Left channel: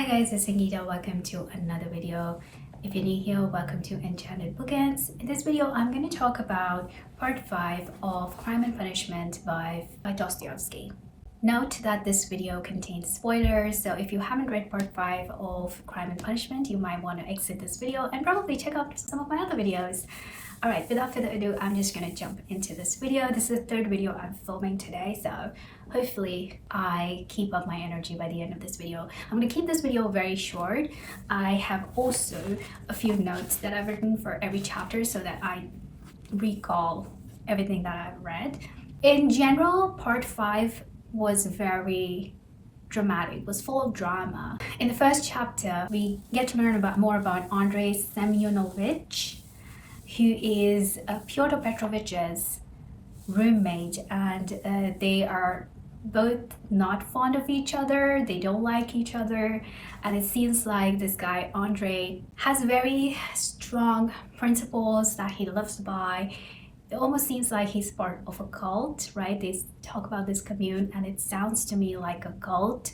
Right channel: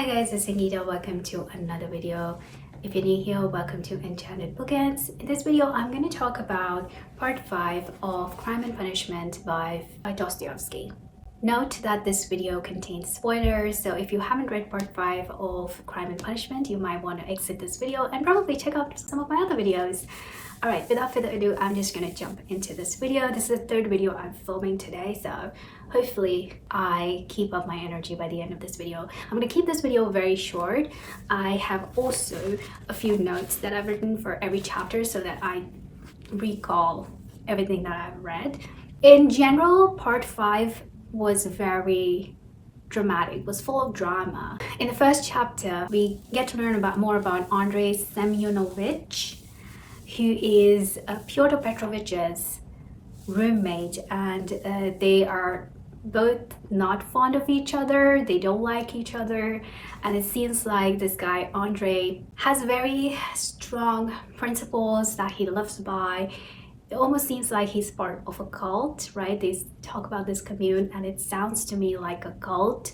Hi guys, it's Ankita. Welcome to another video. If you're new here, welcome to Enchanted Bookends. In this video, I'm going to talk about part 5 of Crime and Punishment by Dostoevsky. Note that this video contains spoilers, so if you haven't read part 5 of Crime and Punishment, you might want to exit this video and probably check out some of my other videos. Alright, without further ado, I'm just going to jump into this video. This is the third video I'm filming today, so hopefully I keep up my energy by the end of this video. I'm going to keep this video very short. I have also a few notes that I've written for every chapter so that I recall everything that I've read. In general, part 5 was very dramatic, was full of drama. In the first chapter, we get to learn more about Andrei Semyonovich, who is Fyodor Petrovich's roommate, and they are both not fond of each other. They don't like each other, and it seems like this guy Andrei has very strong principles that he lives by. It almost seems like he's part of a cult, right? They talk about this commune and it sounds to me like a cult.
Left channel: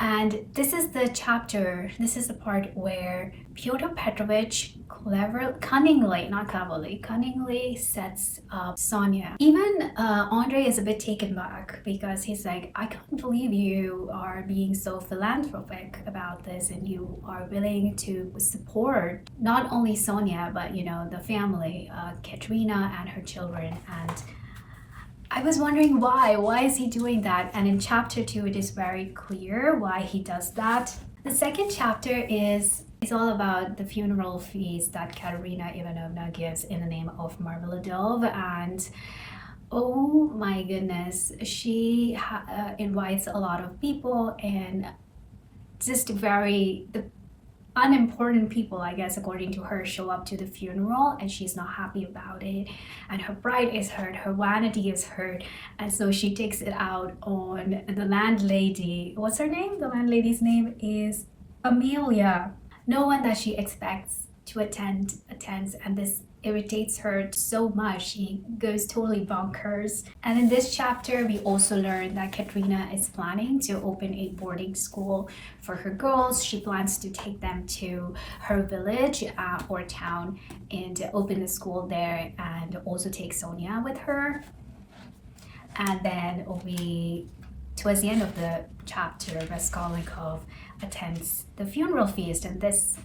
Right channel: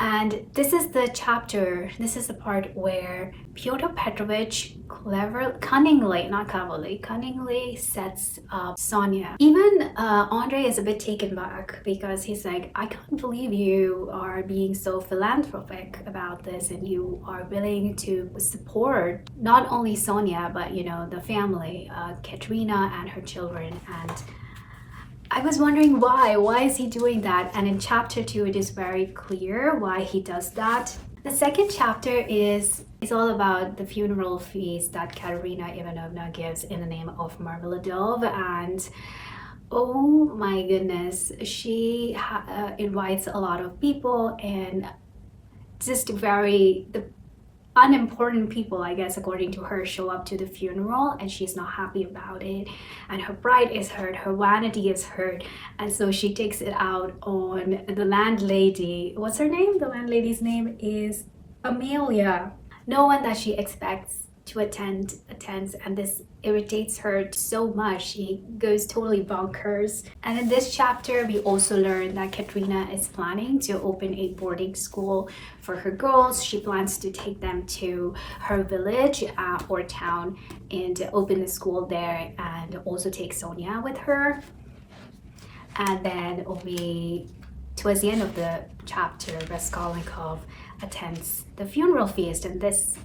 And this is the chapter, this is the part where Fyodor Petrovich cunningly sets up Sonia. Even Andrei is a bit taken back because he's like, I can't believe you are being so philanthropic about this and you are willing to support not only Sonia, but the family, Katerina and her children. And I was wondering why is he doing that? And in chapter 2 it is very clear why he does that. The second chapter is all about the funeral feast that Katerina Ivanovna gives in the name of Marmeladov, and oh my goodness, she invites a lot of people, and just the unimportant people, I guess, according to her, show up to the funeral, and she's not happy about it, and her pride is hurt, her vanity is hurt, and so she takes it out on the landlady. What's her name? The landlady's name is Amelia. No one that she expects to attends, and this irritates her so much. She goes totally bonkers. And in this chapter, we also learn that Katerina is planning to open a boarding school for her girls. She plans to take them to her village or town and open the school there, and also take Sonia with her. And then towards the end of the chapter, Raskolnikov attends the funeral feast, and this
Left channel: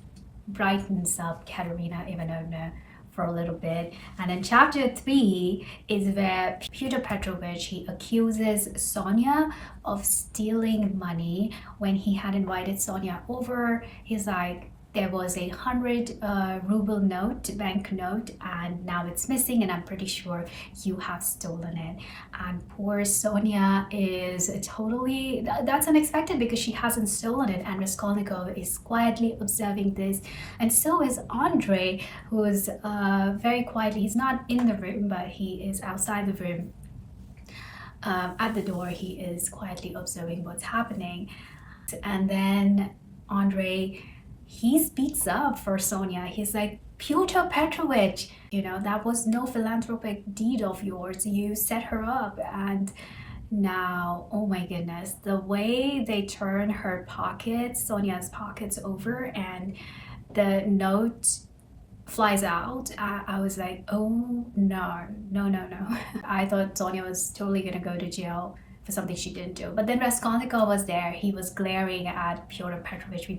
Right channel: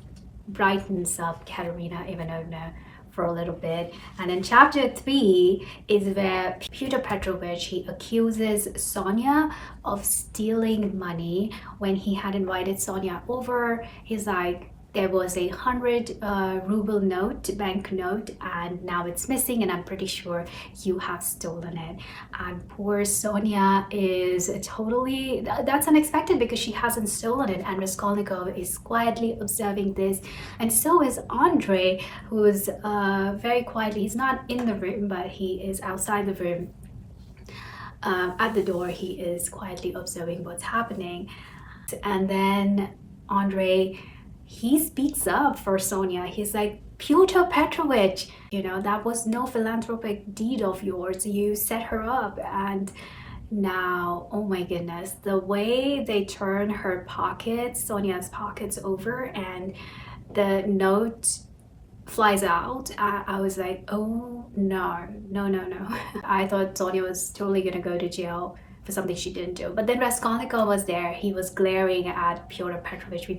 brightens up Katerina Ivanovna for a little bit. And in chapter 3 is where Fyodor Petrovich, he accuses Sonia of stealing money. When he had invited Sonia over, he's like, there was a 100 ruble note, bank note, and now it's missing, and I'm pretty sure you have stolen it. And poor Sonia is totally, that's unexpected because she hasn't stolen it, and Raskolnikov is quietly observing this, and so is Andrei, who is very quietly, he's not in the room, but he is outside the room. At the door, he is quietly observing what's happening. And then Andrei, he speaks up for Sonia. He's like, Pyotr Petrovich, that was no philanthropic deed of yours. You set her up. And now, oh my goodness, the way they turn her pockets, Sonia's pockets over, and the note flies out, I was like, oh no. I thought Sonia was totally gonna go to jail for something she didn't do. But then Raskolnikov was there. He was glaring at Pyotr Petrovich.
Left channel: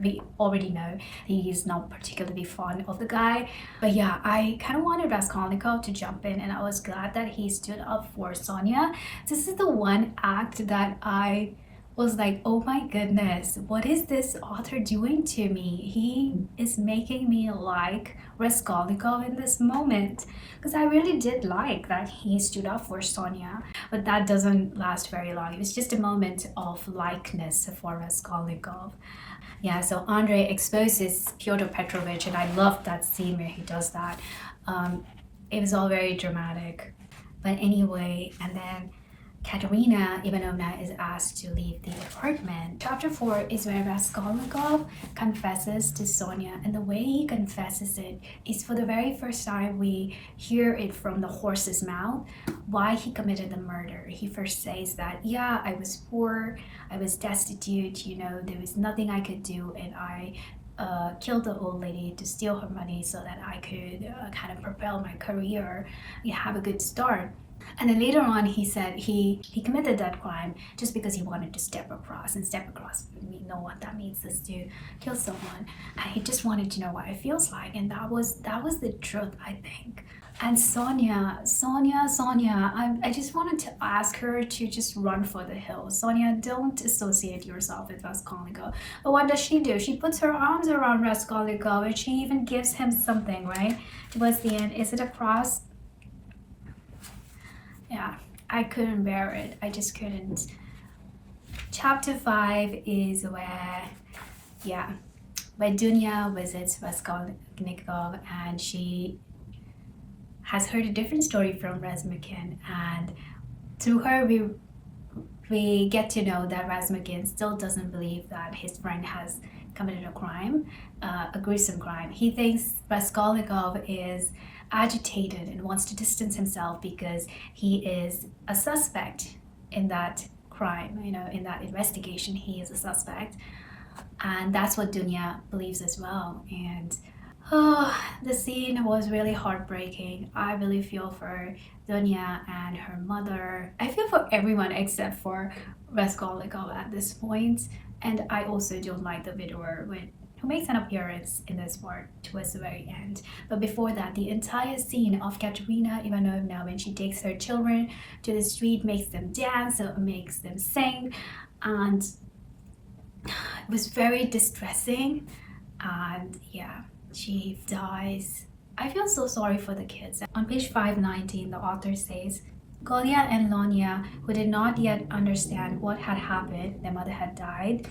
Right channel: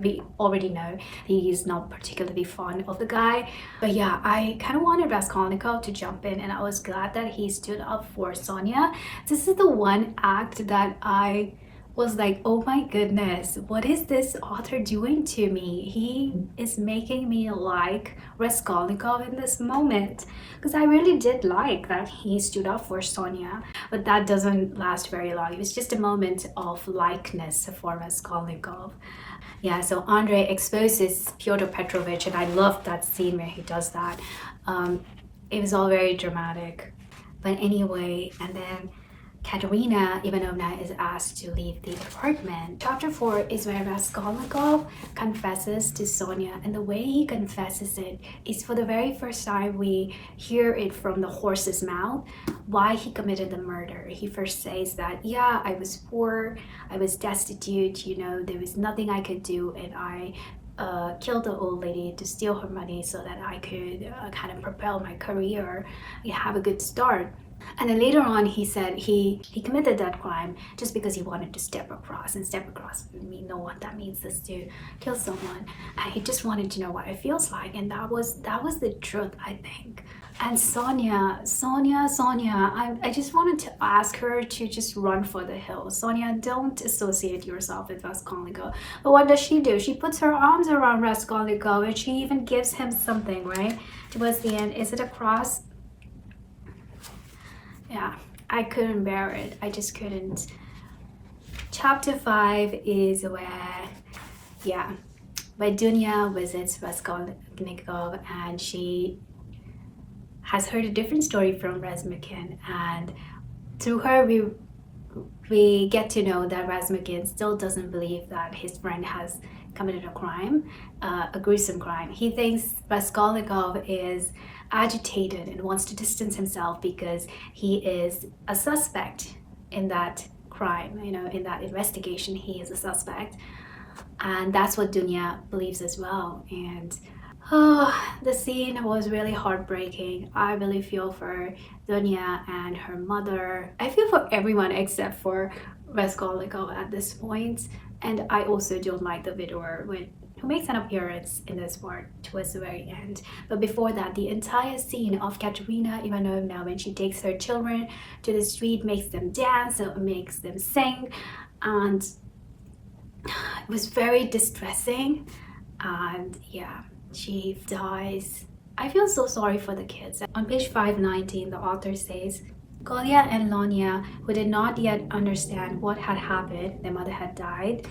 We already know he's not particularly fond of the guy. But yeah, I kind of wanted Raskolnikov to jump in, and I was glad that he stood up for Sonia. This is the one act that I was like, oh my goodness, what is this author doing to me? He is making me like Raskolnikov in this moment. Because I really did like that he stood up for Sonia, but that doesn't last very long. It was just a moment of likeness for Raskolnikov. Yeah, so Andrei exposes Fyodor Petrovich, and I loved that scene where he does that. It was all very dramatic. But anyway, and then Katerina Ivanovna is asked to leave the apartment. Chapter 4 is where Raskolnikov confesses to Sonia, and the way he confesses it is for the very first time we hear it from the horse's mouth why he committed the murder. He first says that, yeah, I was poor, I was destitute, there was nothing I could do, and I killed the old lady to steal her money so that I could kind of propel my career and have a good start. And then later on, he said he committed that crime just because he wanted to step across. And step across, we know what that means, is to kill someone. And he just wanted to know what it feels like. And that was the truth, I think. And Sonia, I just wanted to ask her to just run for the hills. Sonia, don't associate yourself with Raskolnikov. But what does she do? She puts her arms around Raskolnikov and she even gives him something, right? Towards the end, is it a cross? Yeah, I couldn't bear it. I just couldn't. Chapter 5 is where Dunya visits Raskolnikov, and she has heard a different story from Razmukin, and through her we get to know that Razmukin still doesn't believe that his friend has committed a crime, a gruesome crime. He thinks Raskolnikov is agitated and wants to distance himself because he is a suspect in that crime, in that investigation. He is a suspect, and that's what Dunya believes as well. And the scene was really heartbreaking. I really feel for Dunya and her mother. I feel for everyone except for Raskolnikov at this point. And I also don't like the widower who makes an appearance in this part towards the very end. But before that, the entire scene of Katerina Ivanovna when she takes her children to the street, makes them dance, makes them sing, and it was very distressing. And yeah, she dies. I feel so sorry for the kids. On page 519, the author says, Kolya and Lonya, who did not yet understand what had happened, their mother had died,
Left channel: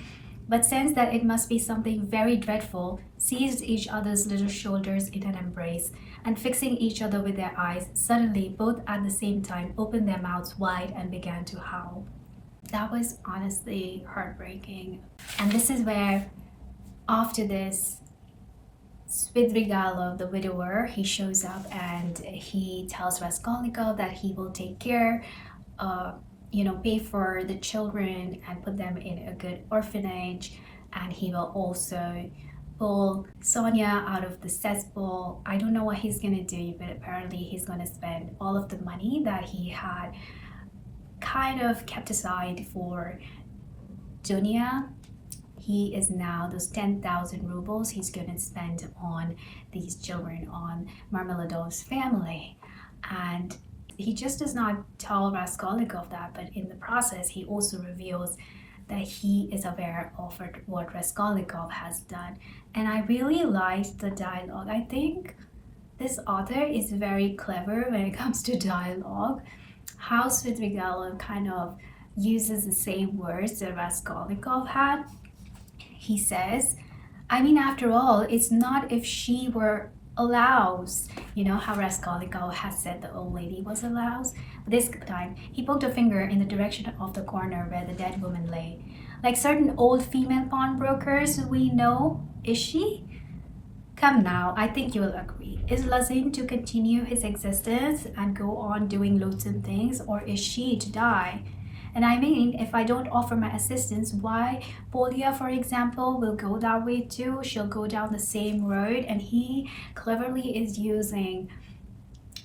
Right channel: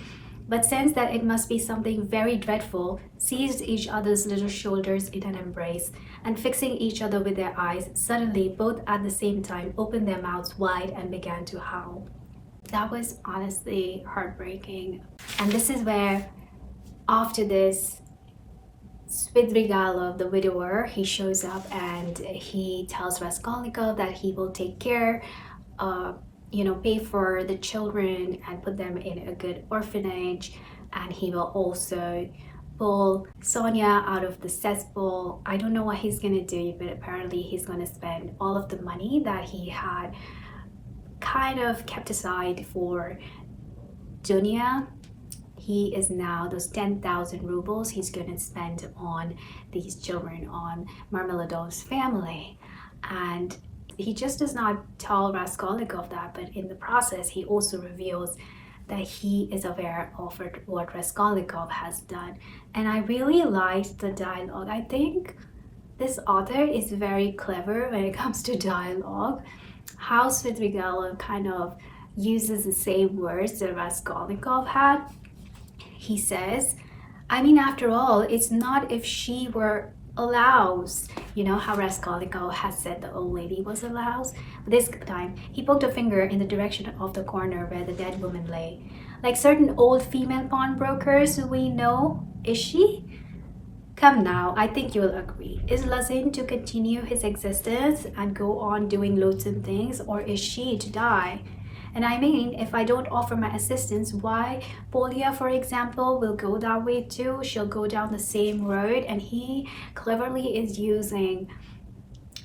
but sensed that it must be something very dreadful, seized each other's little shoulders in an embrace, and fixing each other with their eyes, suddenly, both at the same time, opened their mouths wide and began to howl. That was honestly heartbreaking. And this is where, after this, Svidrigailov, the widower, he shows up and he tells Raskolnikov that he will take care, pay for the children and put them in a good orphanage, and he will also pull Sonia out of the cesspool. I don't know what he's gonna do, but apparently he's gonna spend all of the money that he had kind of kept aside for Dunya. He is now, those 10,000 rubles he's going to spend on these children, on Marmeladov's family. And he just does not tell Raskolnikov that, but in the process, he also reveals that he is aware of what Raskolnikov has done. And I really liked the dialogue. I think this author is very clever when it comes to dialogue. How Svidrigailov kind of uses the same words that Raskolnikov had. He says, after all, it's not if she were allows. How Raskolnikov has said the old lady was allows. But this time, he poked a finger in the direction of the corner where the dead woman lay. Like certain old female pawnbrokers we know, is she? Come now, I think you'll agree. Is Lazin to continue his existence and go on doing loathsome things, or is she to die? And if I don't offer my assistance, why, Polya, for example, will go that way too. She'll go down the same road, and he cleverly is using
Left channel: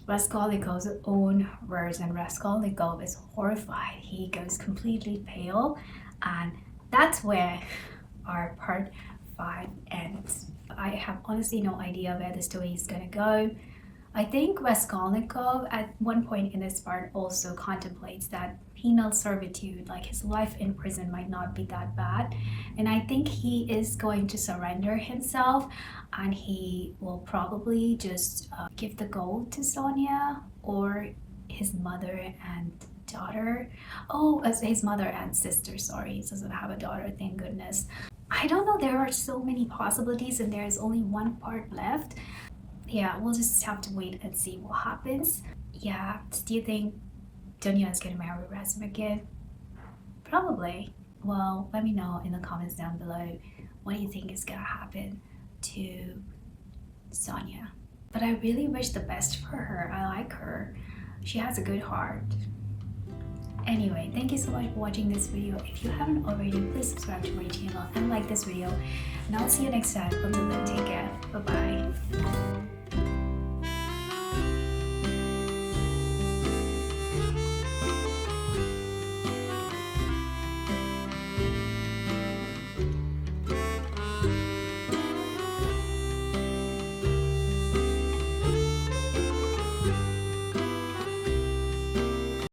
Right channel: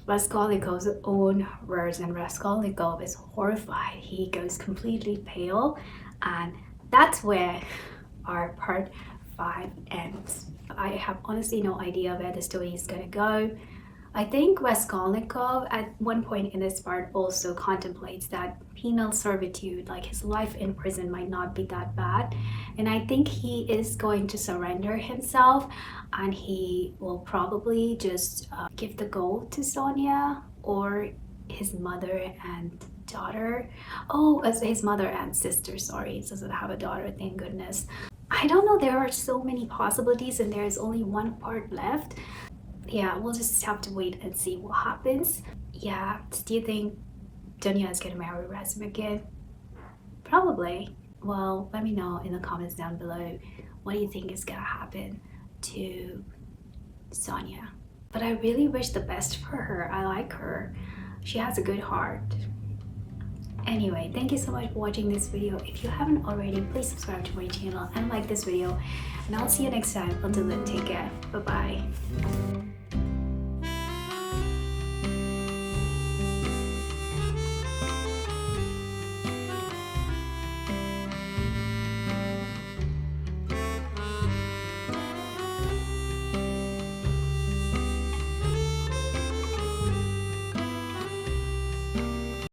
Raskolnikov's own words, and Raskolnikov is horrified. He goes completely pale, and that's where our part 5 ends. I have honestly no idea where the story is gonna go. I think Raskolnikov at one point in this part also contemplates that penal servitude, like his life in prison, might not be that bad. And I think he is going to surrender himself, and he will probably just give the gold to Sonia or his mother and daughter. Oh, as his mother and sister, sorry. He doesn't have a daughter, thank goodness. I don't know, there are so many possibilities and there is only one part left. Yeah, we'll just have to wait and see what happens. Yeah, do you think Dunya is gonna marry Razim again? Probably. Well, let me know in the comments down below what do you think is gonna happen to Sonia. But I really wish the best for her. I like her. She has a good heart. Anyway, thank you so much for watching this video. If you haven't already, please subscribe to my channel and like this video. And I'll see you next time. Until then, take care. Bye bye.